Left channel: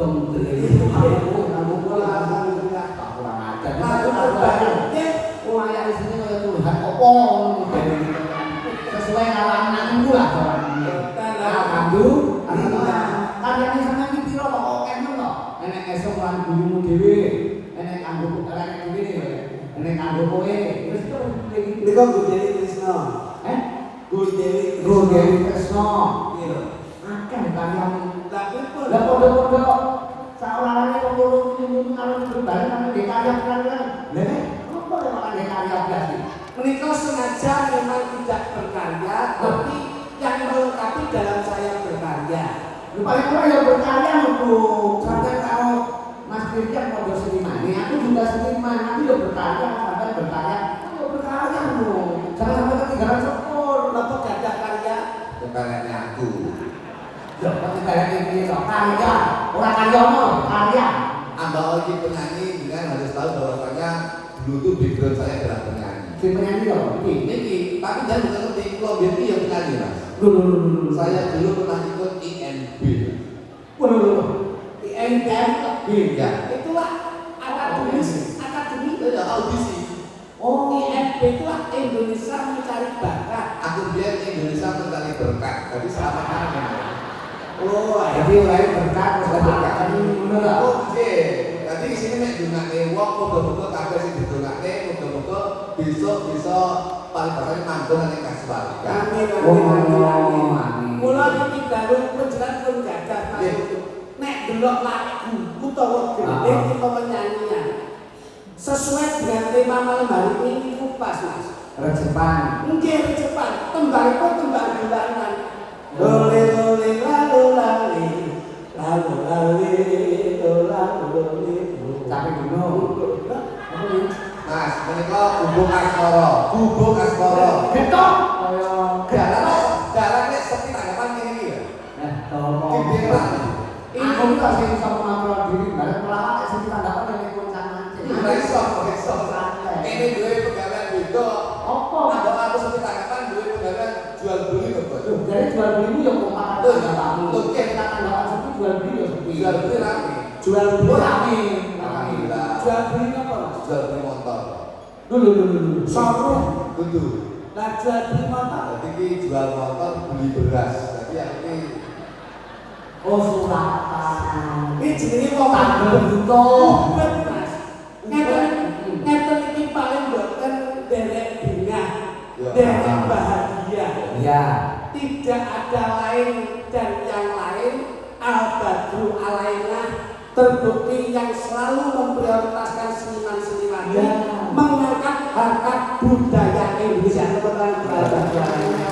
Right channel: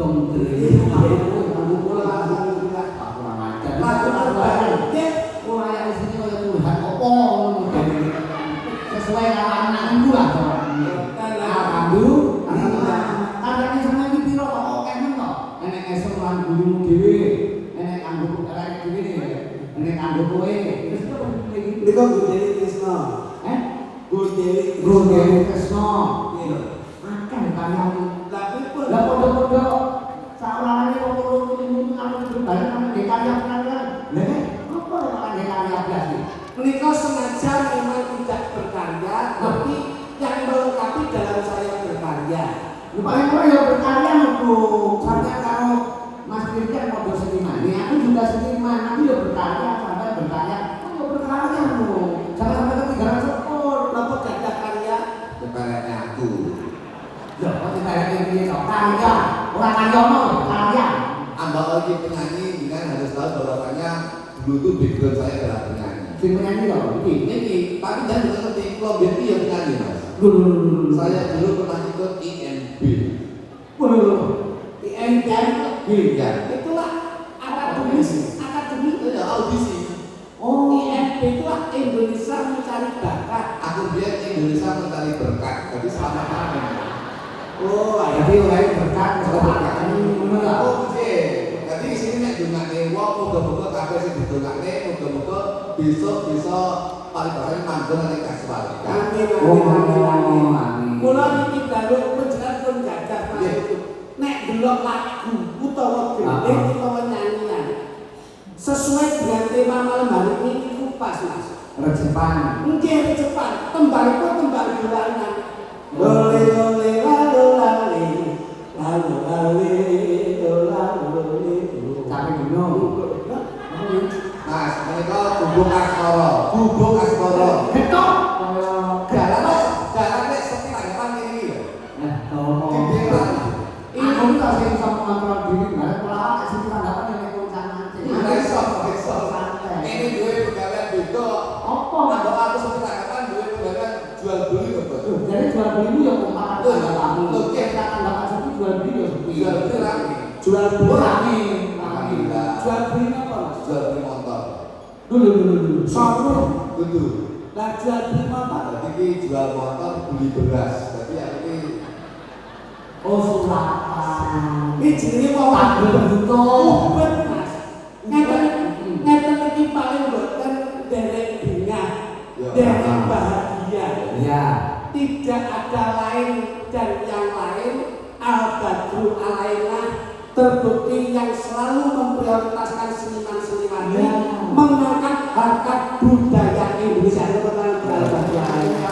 untung dhewe aku ora ajar mulai sini kaya Tuhan apa sesuai karo anakku lah pandu karyane sampeyan iki piro kok oke men kok enek esuk lan gurumu dhewe enek kanggo karek dhewe enek kanggo kowe wis niku Gusti Krisna Gusti Krisna akeh karyamu lah padha-padha kok saorane kok loro-loro ngalor berbalik nang karya-karya lha apa yang karya blas iki menika sengaja memang tidak berkarya tapi yang melengkapi dalam saya berkarya. Paling ora ya berkarya lho sampai karo Mas Firdan padha seniman aku juga seniman aku ya berkarya sampai berkarya aku berkarya lho jangan sampai ketinggalan sepur Napa gadah karya karyanya aku ya kok karya iki lho karya ora karyono karya Anda lagi penyanyi dengan harus tahu bahwasanya dulu tuh background saya adalah penyanyi penyanyi lho ini tapi jangan ngerti kalau BPI ya penyanyi mas saya dulu pernah ikut INB INB ya itulah akademi ya audisi INB itulah Indonesia Mencari Bakat. aku biar Indonesia mencari berkat tapi selama kami jadi mulai berkat oke jadi di sini nek dongane wong muga-muga kabeh sing didongakne muga-muga besok bisa paling paling manggon ning kasuwarga. amin Mula iki baru penjelas pun gadah nek delok lagu utawa gendeng utawa nyanyian sesuai dengan tema malam hari ini itu pas mas Jepang mungkin cepat tembang bulanan lole lole lalu lali tapi dulu Mas, menika gubuk askara. ketok Dalan nek sepi tanggapan ngene iki lho. aku tak sing sama ngontrol diri bareng pelawak sing tanggapan yang koncanan Ora iso. Ini duwe pegawai beda. apa Kalau aku sepi tanggapan duwe pegawai jual beli kok, Bos. jadi jual beli itu ya kok tanggapan Oke, kita tanggapan sepi jual beli ya sepi Jual beli rame. jual beli rame Alhamdulillah. jual beli apa mas Jual beli motor. dulu sopo Betul. lah jual beli apa Jadi iki jual motor beli beras. Jadi ini oh Suratan ini jenenge mau tanggal butuh ubet mas ngeten iki paling mboten derek bingah derek bahagia ya tidak ada lain dan yang lain al-badru alaina terbukti yang selalu memprioritaskan seniman-seniman mengangkat harkat budaya Indonesia kebetulan al-badru alaina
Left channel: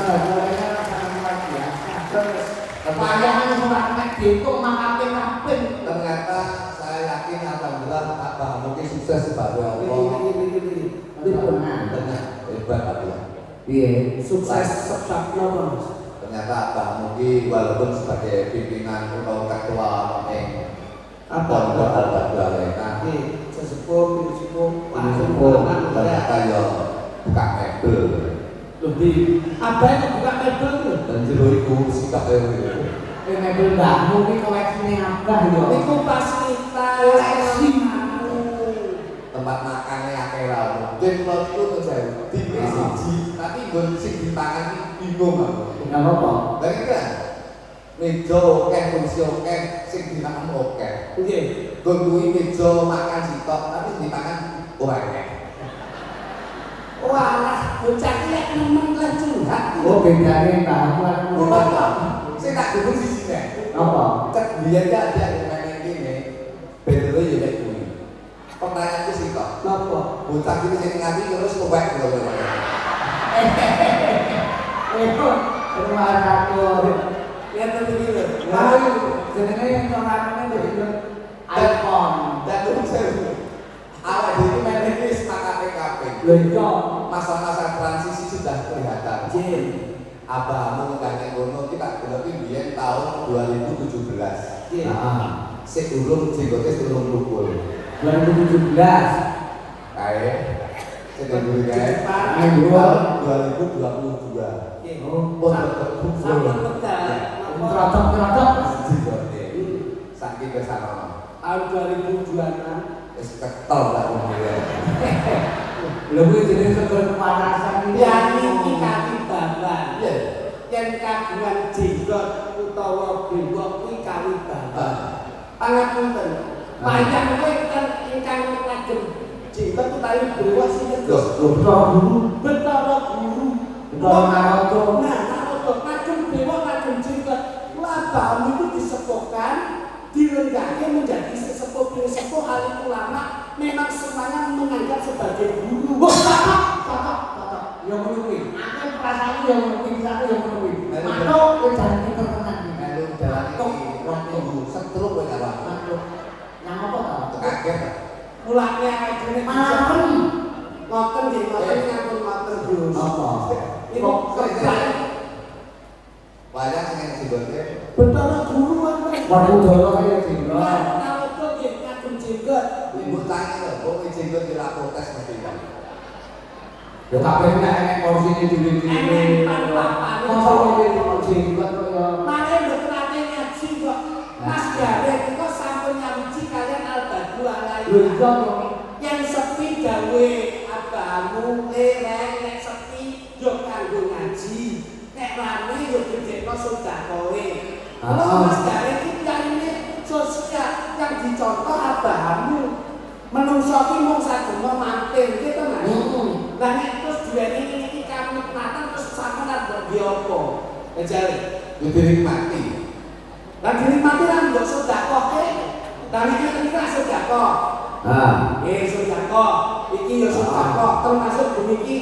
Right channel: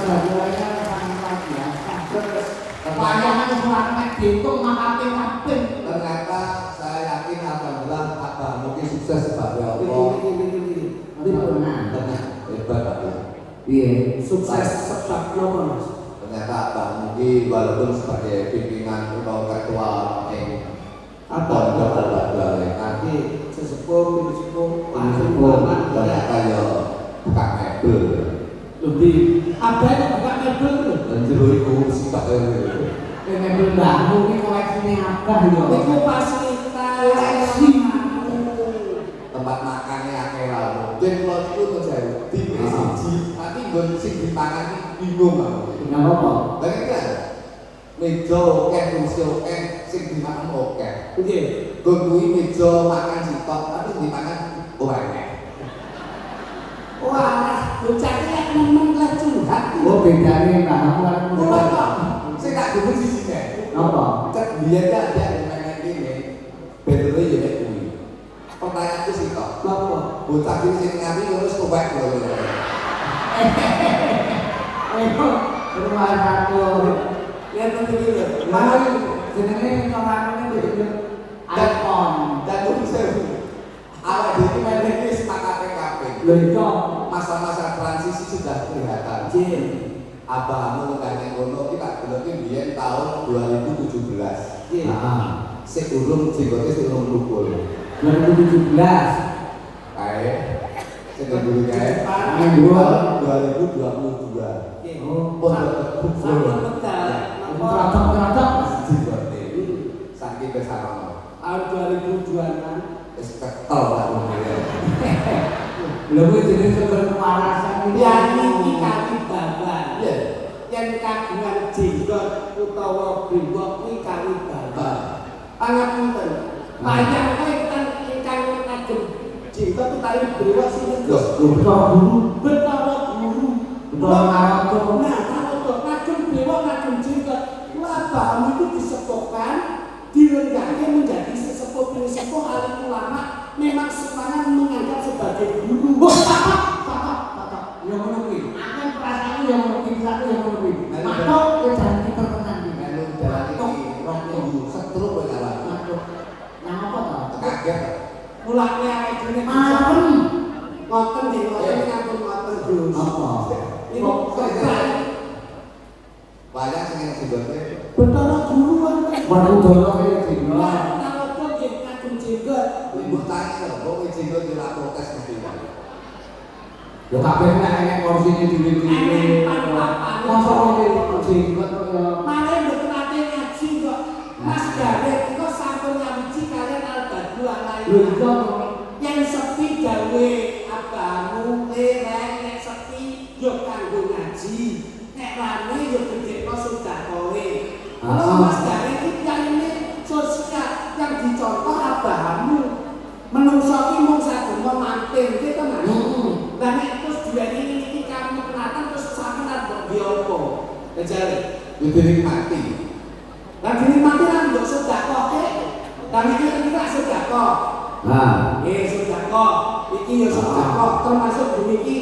Bayangan surat itu makake kaping. ternyata saya yakin alhamdulillah Pak Bahamuki sukses sebagai Allah. Benar. Ternyata hebat Pak ya. Iya, sukses sebabnya mas Ternyata Pak Muki walaupun sebagai pimpinan atau ketua Pondok Al-Badru Alaina sesepuh ternyata ya buka mebel lebih apa yang buka mebel itu dan jero iku sikap itu. mebel mbahmu iki koleksine akeh yo. itu fasilitas Koleksi. Tempat makannya akeh ra mungkin kalau itu tuh saya di siji tapi nggon sing dipangan iki bingung aku. Enggak apa-apa. Lagi kan meja oke kursi oke sing dimakan oke. nggih Nggon kuwi meja makan sitok tapi sing dipangan ora akeh. wah bocah iki lek nemen lah curhat Oh bedane mbahmu karo kula kok Sing tak dukung siji nek. apa? Cek biyen kan ada yang pengen gini. Bedone yo nek kuwi. Pertanyaanku sih kok. napa Bocah iki sing ngapi terus tuwek lho. Itu rumah satu. ya tentu gitu Lalu jenenge corakane ndek iPhone. Dan itu bisa awak dhewe main ini sepakat PKP. Lho iya. Masa-masa transisi sudah kelihatan. Jen Abahmu ngene ngono kita deloki biyen tahun 2017. Jen Sik urung jenggote sik urung lukul. 2017. Kae sing dulu kae Minggu. 2022. Jen Oh, Oh, sampun pedak napa Krotok-krotok. jenggote. Saking ke sana. Tahun 2026 Wis ketol tak ngomongnya. Lha kuwi jenenge sumber kepanasan iki. yang iki kaki baban. Iya. Yang kagungan jenggot utawa brewok kuwi kali baban. Pangapunten. Wayang kuwi kan ingkang kagem jenggot utawi brewok sinten? Lho, betul guru. Betara guru. Betara Naruto. Nah, Naruto kagem brewok kagem jenggot. Labamu itu disepuhkan dilenggahkan menjadi sesepuh sesepuh alim ulama memang semuanya menganggap sebagai guru. Cocok. Yang ngono kuwi. Aku perasaanku yang ngono kuwi, pikiranku yang ngono kuwi. Matuk kowe jalan iki terkenal iki. Melu jalan iki rong minggu setruk kowe jalan. Matuk. Nang apa to? Kaget. Mulane awake dhewe Malaken. ngoten nggih ngoten ngampun ngoten Gus. Apa? Iku keprang Wayang sing jenggote Betara guru kan. Manudara kaya dino. Naruto nggih kagem jenggot. ibu tanya lho, kok kowe jenggot dilapotes mesti kan. Ya kabeh nek enek kursine dhewe-dhewe. Masa kok jenggot kaya Mare mboten ate ngaji kok. Mas Garek kok sampun nyamci kalian Al-Badu lho alai. iya kok. Yang sepi gawe abamu nek sepi yo kanggo ngaji. Nek rame yo gedhekno sedekahe. Kalau Mas Garek iki ini sosial yang dicontoh abamu. Menungso ki mung sadina manten ki tenan. Lah nek terus duweni iki kami penatan terus sampean mbok di apa? Ejare. Yo dinikmati. Lah dinikmati lan mbok sedekah ke. Lah iki kan sedekah. Nah, Sedekah. Iki ya sedekah termasuk buniki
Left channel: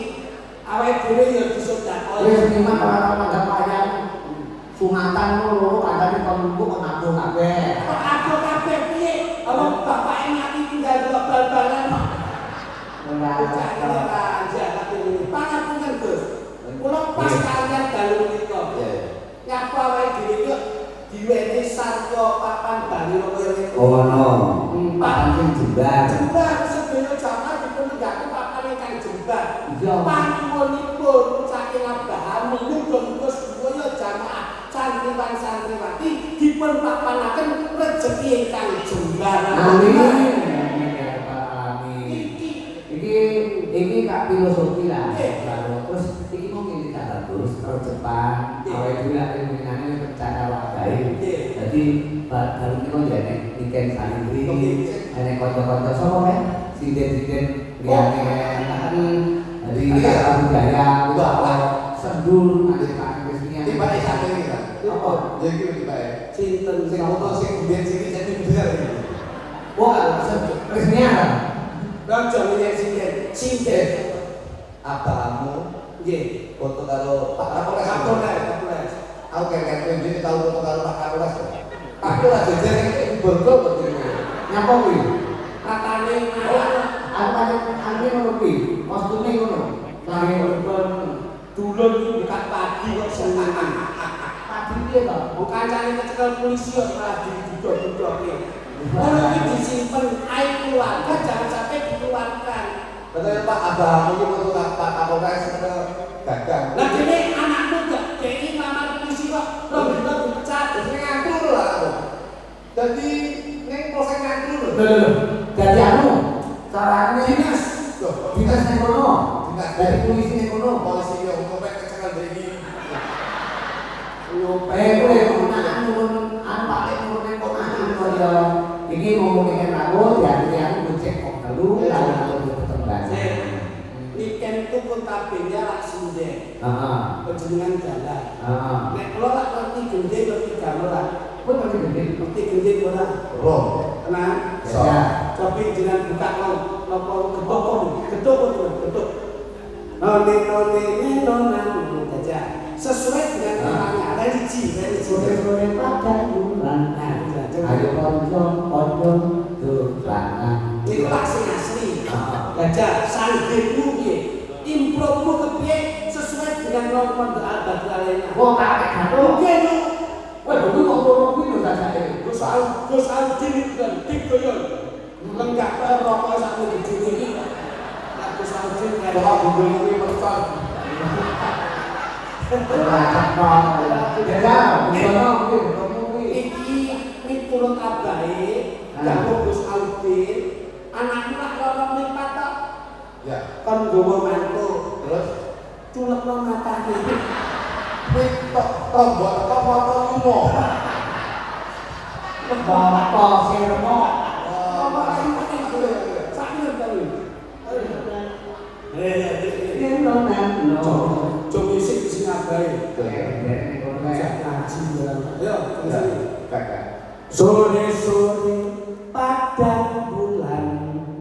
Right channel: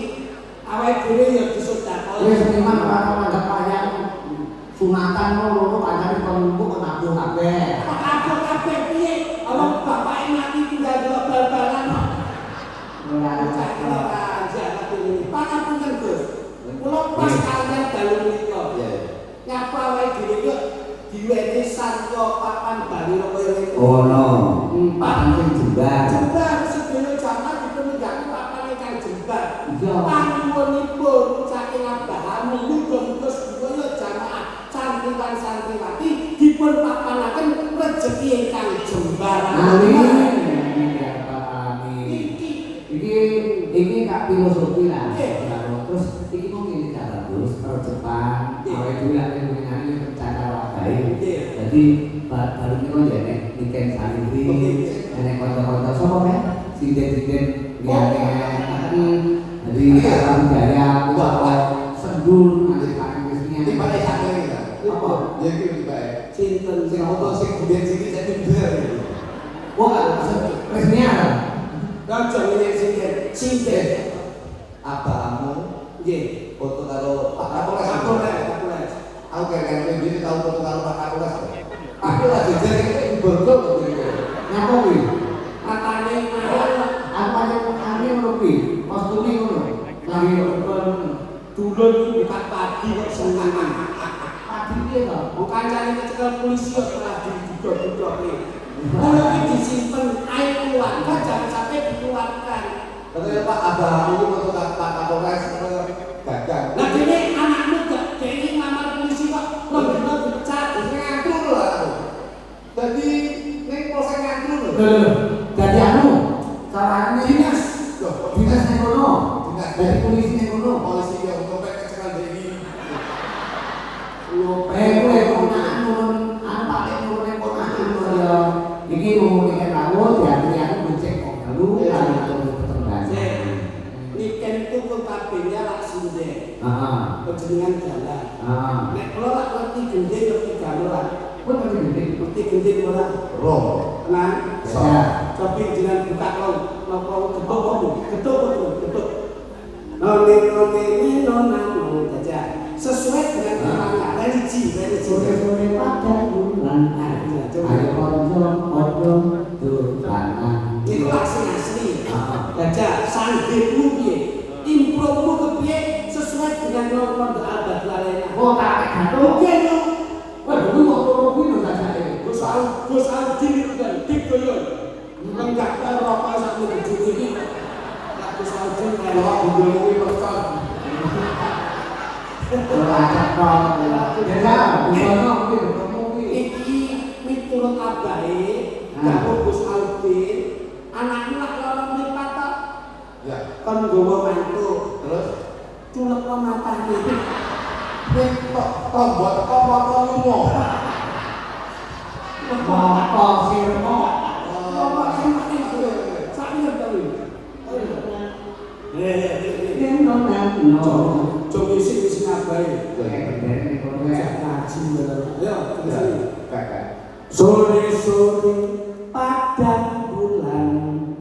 awake dhewe ya disedekah. wis seniman ora manggap wayang sunatan loro kancane penumpuk kok ngaku kabeh. Aku kabeh piye? Awak bapake mati tinggal delok bal-balan kok. Ora Pangapunten Gus. Kula pas kalian dalu menika. Iya. Nyapa awake dhewe iki diwenehi sarta papan bali kaya niku. Oh no. Papan sing jembar. Jembar sedaya jaman dipunenggake papan ingkang jembar. Iya. Panuwunipun saking Abraham muga-muga sedaya jamaah santriwan-santriwati dipun papanaken rejeki ingkang jembar. Amin. Iki Iki kak filosofi lah. Terus iki mau ngene cara terus terus Jepang. Awake dhewe lek ngene percaya wae. Jadi baru niku ya nek niken santri, nek kanca-kanca sapa kan? Siden-siden liyane dari cara budaya utawa sendul nanti kan resminya. Tiba iki sate iki kan. Apa? Ya iki tiba. sinten Sing foto sing biyen sing saya tidur. Wah, resminya. Raja Sinten. Sinten. Abamu Nggih. foto karo Pak Kapolres. Kapolres. Aku keren ini tahu foto karo Pak Kapolres. Aku lagi jadi ini bergol betul. Nyapa kuwi? Katane Apa yang ane rupi? Kostume ngono. Lagi depan dulur iki bukan padi kok senengan. padi piye to? Wong kancane kecekel polisi kok malah diduduk-dudukke. Kalau iki disimpen air keluarga jangan sampai dikeluarkan. Katanya Pak Abamu itu foto Pak Kapolres gagang. Lah dene anakmu gak dene ngamar polisi kok lho dipecat. Ngantru lah aku. Jadi ning proses ngantru lho. Lho, dadi anu, carane Dinas. dinas ning kono. Dinas. Dadi polisi ning kono. Polisi yang ngopek kecekel iki. Kowe punya anu pakai nurun ning kono ya. Iki ngomongin aku diaturi aku becek kok telu lan ketembang. Niken itu kontabelnya langsung deh. Heeh. Kejenengan jalan. Heeh. Nek kalau lak ngerti gede ngerti gamelan. Kowe ngerti gede. Ngerti gede ora? Roh. Tenang. Ya. Coba jenengan buka long, nopo geduk geduk. None nona aja. Sesuai dengan namanya religi. Sore-sore pada bulan. Ayo konco durana. Itu asli. Heeh. Gajah sanggirmu piye? Impromu kepiye sesuai dengan norma Al-Badu Alena. Wong tak gak Oke no. Wah, dulu ngomong kuwi lho sajake. Gus Audin itu kan dik koyo. Lenggak rokok sak minggu iki. Lah Gus Audin kayak Bapak Bundel kuwi person. Ora cekok. Ya, ngono kuwi ketemu kuwi. iki miturut miturut abahe karo Gus Audin anakmu lak lorong mripat tok Ya. kon nggawa mantu Terus culekno matane wis kok tombol kok motor lumo. Moto sirmo. Yen nang Coba isi ngabai. ngaji. Ya, Kakak. sore-sore